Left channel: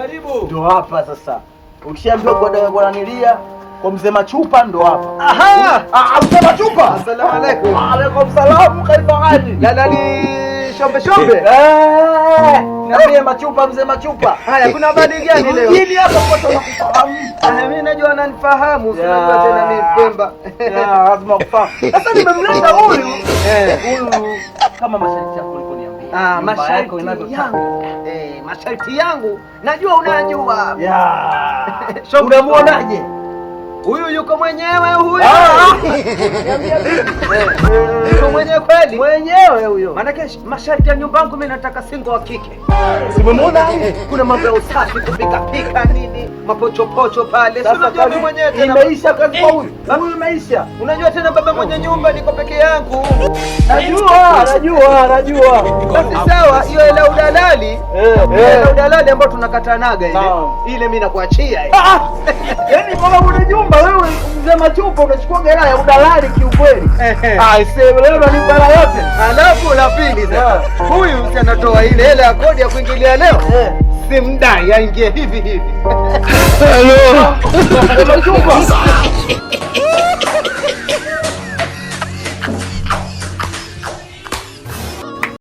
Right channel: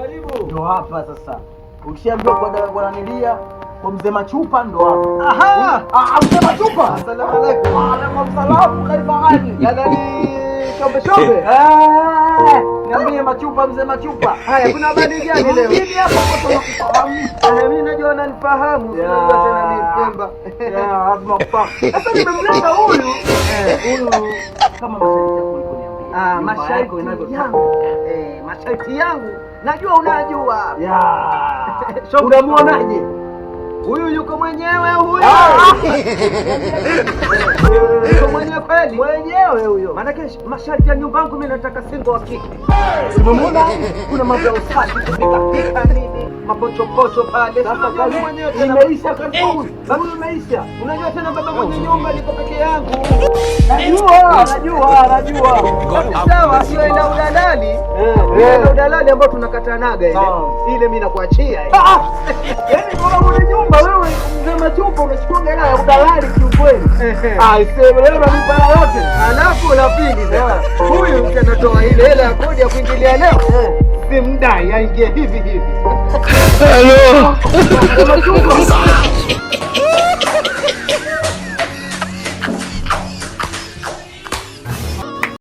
Karibu. Ndio hapa sasa. Ukishaambiwa kwa bwana nilia kwa mzee Machupa ndo hapa. Aha! Mzee Machupa. Asalamu alaykum. Wa alaykum salaam, kaifa hali? Dalali shombe. Niambie Machupa, mzee Machupa. Haya, kuna habari gani leo? Nini hapa kwa Mimi najua unanifahamu, si unajua tena mimi Pemba. lazima kufahamu. Sasa nimemleta huyu. Huyu kama masharti yako uliponiambia. Masharti yangu. Masharti yangu. Najua unajua. Unamuonaje? Huyu yuko mwenyewe huyu. Yuko mwenyewe kweli? Mwenyewe huyo. Maana masharti ya nyumba yangu mimi nataka single wa kike. Simemwona? Kuna mambo ya usafi, kupika nini, mapochopocho pale. Sasa Unajua mimi mwenyewe tena imeisha kazi huyu. Huyu imeisha. Unajua tena baba mwenye nyumba niko peke yangu. Najua. Sawa, sio ile udalali. Ile udalali ambao tunakatanaga ile. Ile mimi nakuachia ile. Yaani kama una nyumba wewe mzee Machupa unachukua hela ya udalali kiukweli. Sema leo nyumba yote. Alafu la pili sasa. Huyu anatoa ile hela ya kodi ya kuingilia leo. Simdai aingie hivi. Hello.